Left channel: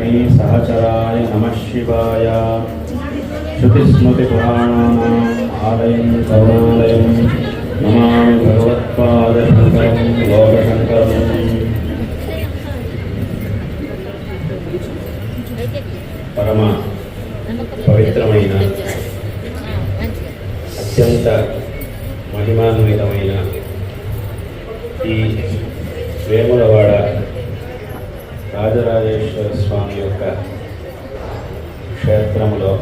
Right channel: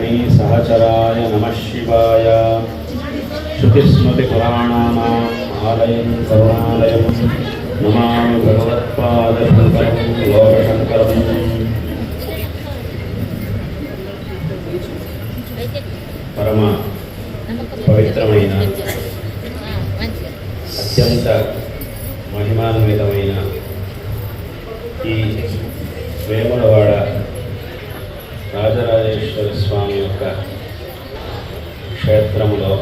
నారాయణీ సహచరాయ నమ శివాయ. శృతిస్మృతిపురాణానాం ఆలయం కరుణాలయం నమామి భగవత్పాదశంకరం లోకశంకరం పరమ పవిత్రమైన అత్యంత మహిమాన్వితమైన ఈ వేములవాడ రాజరాజేశ్వర స్వామి యొక్క కాలంలో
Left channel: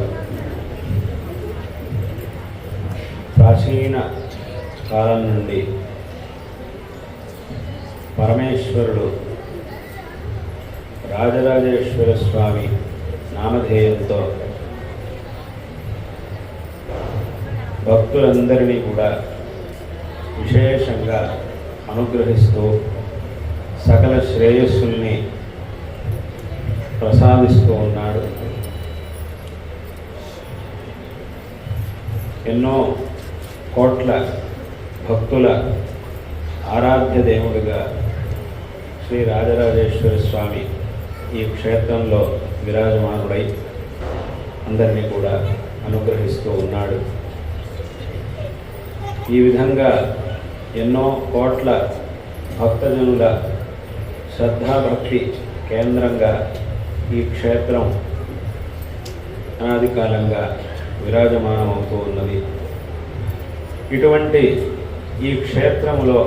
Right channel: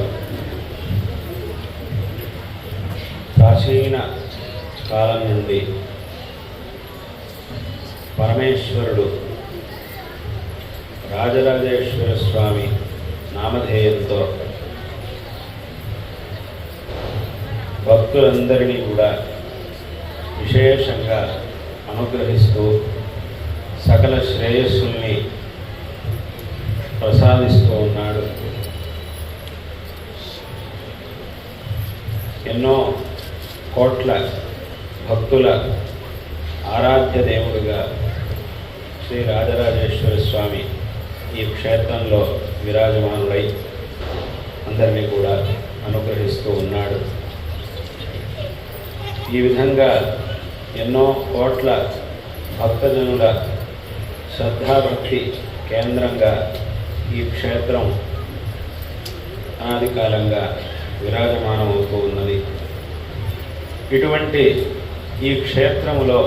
ప్రాచీన కాలం నుండి పరమేశ్వరుడు రాజరాజేశ్వర స్వామి నామధేయంతో భక్తులందరినీ కూడా విశేషంగా అనుగ్రహిస్తూ సకల శ్రేయస్సుల్ని ప్రసాదిస్తూ ఉన్నాడు. ఎన్నో కోట్ల భక్తుల ఆరాధ్య దేవుడిగా శ్రీ రాజరాజేశ్వర స్వామి ఈ క్షేత్రంలో విరాజమానుడై అందరినీ కూడా అనుగ్రహిస్తూ ఉన్నాడు. ఈ విధంగా ఎన్నో కోట్ల భక్తజనుల శ్రద్ధాభక్తి కేంద్రంగా ఈ క్షేత్రం అనాది కాలంగా విరాజమానమవుతూ ఉంది. ఇటువంటి ఈ క్షేత్రంలో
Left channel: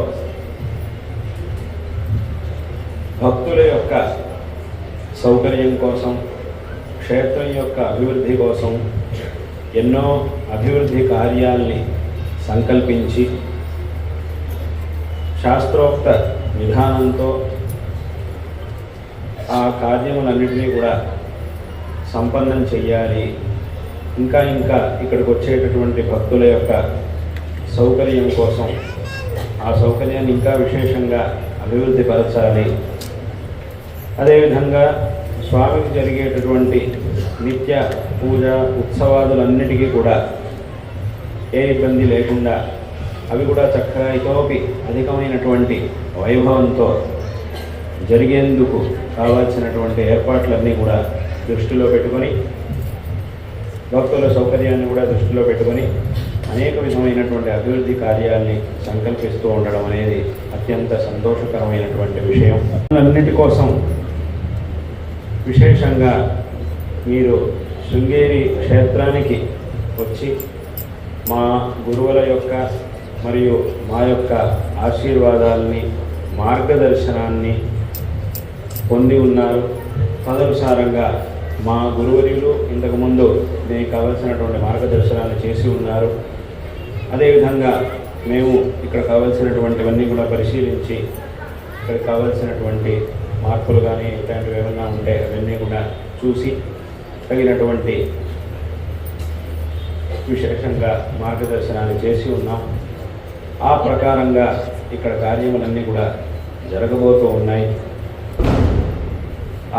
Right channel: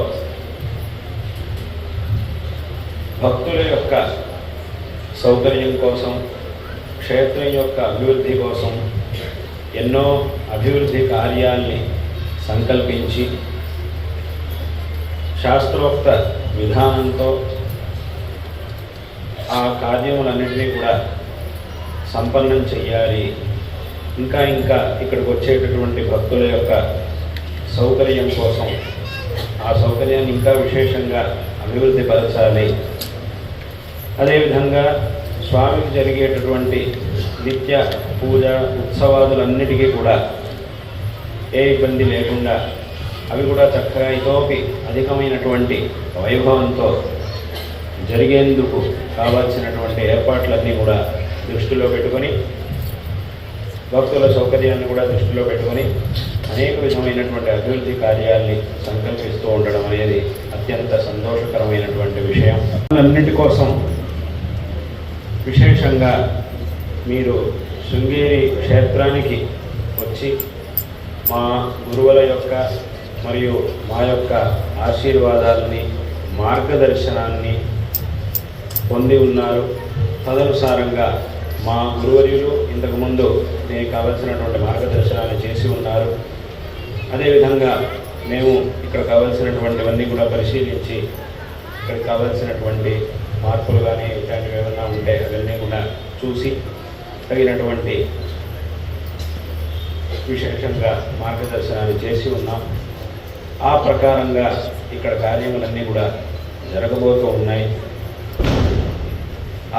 భక్తుల యొక్క సౌకర్యం కోసం క్షేత్రం యొక్క అభివృద్ధి కోసం ఎన్నో అభివృద్ధి కార్యాల్ని సంకల్పించి శాస్త్రోక్త విధానంతో ఆ కార్యములన్నింటినీ కూడా సంపన్నం చెయ్యాలి. ఇంకా ఇంకా ఇక్కడికి వచ్చేటటువంటి భక్తుల యొక్క సౌకర్యం కోసం. ఆ సౌకర్యాన్ని ఇంకా విశేషంగా అభివృద్ధి పరచాలి. అదేవిధంగా స్వామికి జరిగేటటువంటి నిత్య పూజ ఉత్సవాదులన్నిటికీ కూడా ఏ ఇబ్బంది లేకుండా అవి కూడా చక్కగా ఇతోపి అధికమైనటువంటి వైభవంతో జరిగేందుకు కావాల్సినటువంటి ఏర్పాట్లన్నీ కూడా దృష్టిలో పెట్టుకొని భక్తుల సౌకర్యాన్ని కూడా దృష్టిలో పెట్టుకొని అనేక విధమైనటువంటి అభివృద్ధి కార్యాల్ని సంకల్పిస్తూ ఉండడం అనేది అత్యంత సంతోషకరమైనటువంటి విషయం. అన్నింటి కోసం విశేషంగా మీరు శృంగేరి క్షేత్రానికి వచ్చి మా గురువుల యొక్క మరియు మా యొక్క ఆశీర్వాదాలని మార్గదర్శనాన్ని పొంది ఉన్నారు. తదనుసారంగా మా గురువులు ఇంతకుముందు దీనికి కావలసినటువంటి మార్గదర్శనాన్ని చేసి ఉన్నారు. అదేవిధంగా మేము ఇక్కడ కావాల్సినటువంటివన్నీ కూడా పరిశీలించి ఇక్కడ కావాల్సినటువంటి మార్పులు కానీ ఇట్లాంటివి ఏమైనా ఉంటే అవన్నీ కూడా చూసి తగినటువంటి విశేషంగా మార్గదర్శనాలు చేసి ఉన్నాం. ఆ ప్రకారంగా ఇక్కడ కార్యములన్నీ కూడా జరగబోతూ ఉన్నాయి.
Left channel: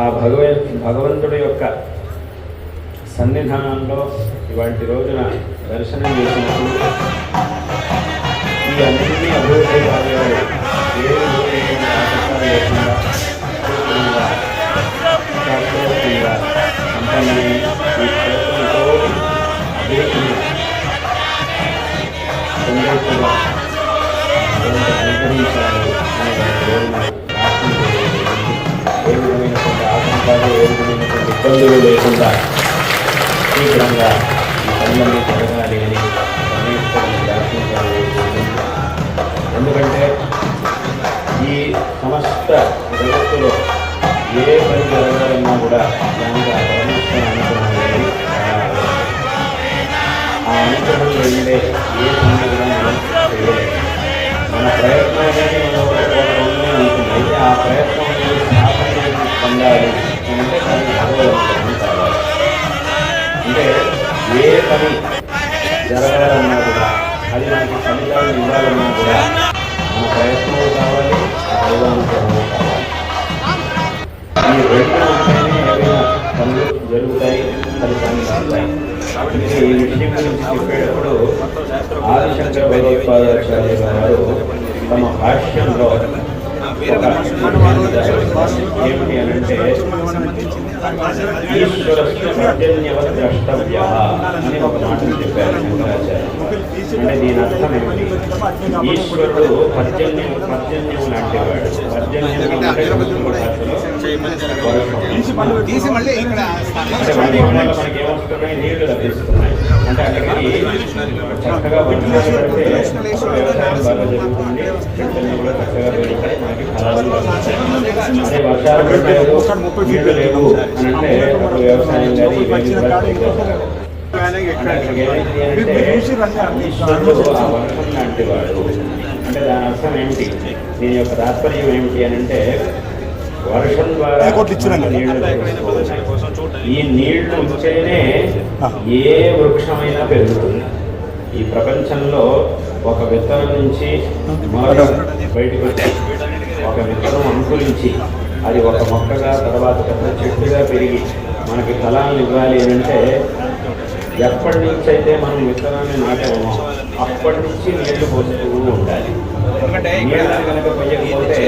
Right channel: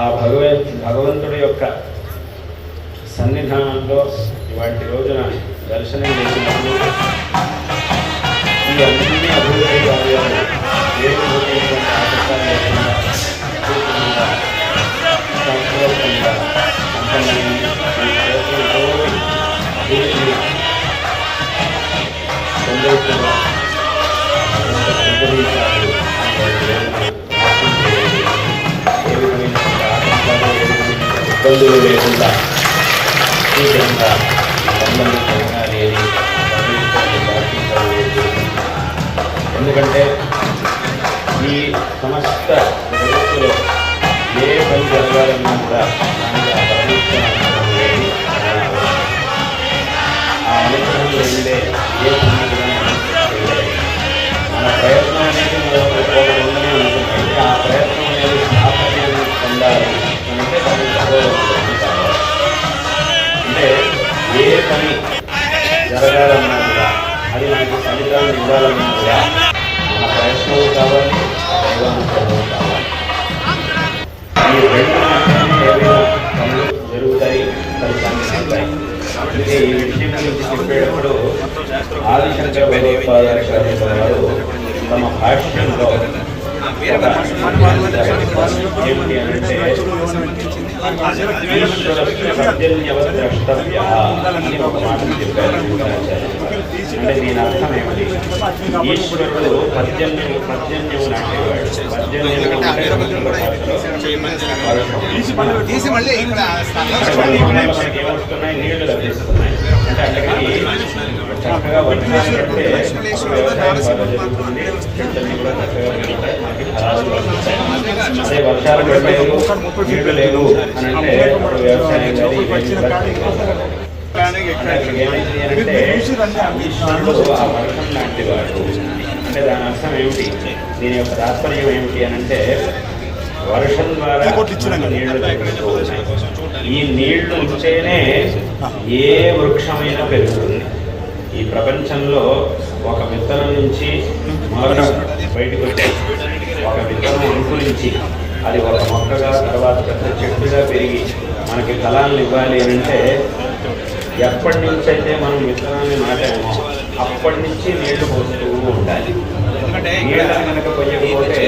ఆ భగవ భగవంతుడి యొక్క సన్నిధానంలో ఇవాటి రోజున దర్శనం చేసినప్పుడు ఈ అన్ని అభివృద్ధి కార్యాలు ఏ లేకుండా ఈ విధంగా పని జరగాలన్నా అది మనకి ఫలితాలు మన కావాలి కావాలి ఈ రెండు ఏమైనా పనులు జరుగుతాయి ఫలితాలు ఉంటాయి కాబట్టి ఈ విషయం గురించి చెప్పేటప్పుడు ఆదిశంకర తమ భాష్యంలో ఏమిటి అంటే అంటే దీని అర్థం ఏమిటి ఈశ్వరుడు? నీళ్ళు లభిస్తున్నాయి అంటే అక్కడికి చక్కగా వర్షాలు పడితే చక్కగా పెరుగుతాయి అదే వర్షాలు పడలేదు నీళ్ళు లేవు అని అంటే ఇప్పుడు వ్యవసాయం కానీ ఇవన్నీ అంటే అంటే వాడు అంటే దాని అర్థం ఏమిటి దీని యొక్క తాత్పర్యం ఏమిటి అని అంటే వర్షం ద్వారా నీళ్ళు ఈ నీళ్ళు ఉంటేనే ఏ వృక్షమైనా పెరుగుతుంది ఈ ప్రపంచంలో ఒక విత్తనం నుంచి మరొక బయటకు ఒక విత్తనం అంకురించి అది ఒక మొక్కగా తర్వాత పెద్ద చెట్టుగా పెరిగి మనకి ఫలాలను ఇవ్వాలి అని అంటే ఎప్పటి నుంచి అయితే మనం విత్తనాన్ని నాటామో అప్పటి నుంచి నీళ్ళు పోస్తూ ఉండాలి. నీళ్ళు కనుక పోయకపోతే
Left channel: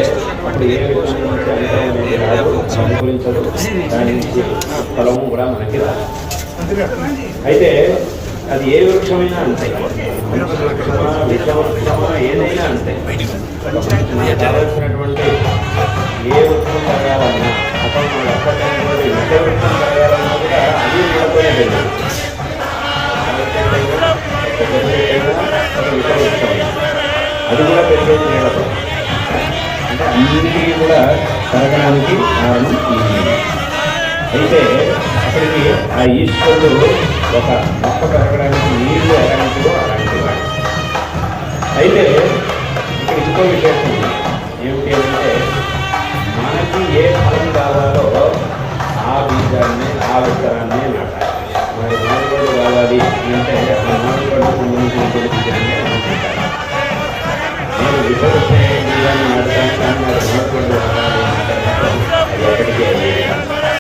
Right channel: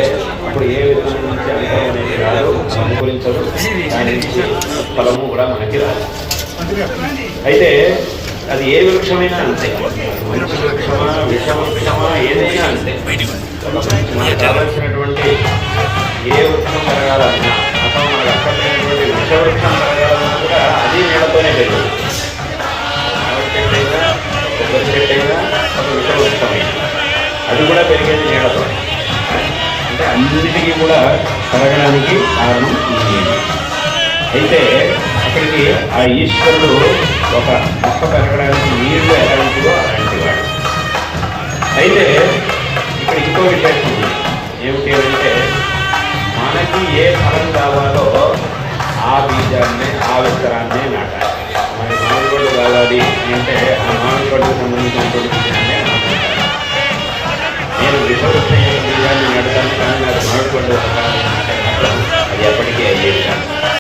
అప్పుడు ఏ అనుకూలించదు. దాని నుంచి ఫలము కూడా మనకి రాదు. అయితే అది ఏ వృక్షమైనా అంతే. మంచి వృక్షమా విష వృక్షమా ఏదైనా అంతే. ఏ ఉత్తమం పెరగాలన్నా అథవా మనకు అక్కర్లేనటువంటి విష వృక్షం కూడా అది నీళ్ళతోనే పెరుగుతుంది విష అది కూడా పెరిగేది నీళ్ళతో అంటే అన్నిటికీ కూడా పెరగడానికి కారణం నీళ్ళు అయితే అక్కడికి ఆ ఈశ్వరుడు ఒక మొక్క పెరగడానికి నీళ్ళు ఎలాంటివో అలాంటి అయితే ఇక్కడ ఇంకో విషయం ఏమిటి అంటే మనకి ఏ ఫలం కావాలో ఆ బీజాన్ని ఆ విత్తనాన్ని నాటాలి. మన మామిడిపండు కావాలి అంటే ఆ మామిడిపండు సంబంధించినటువంటి బీజాన్ని నేను విషవృత్తి బీజాన్ని నాటుతాను కానీ నాకు మామిడిపండు కావాలి అది ఎప్పటికీ అయ్యేది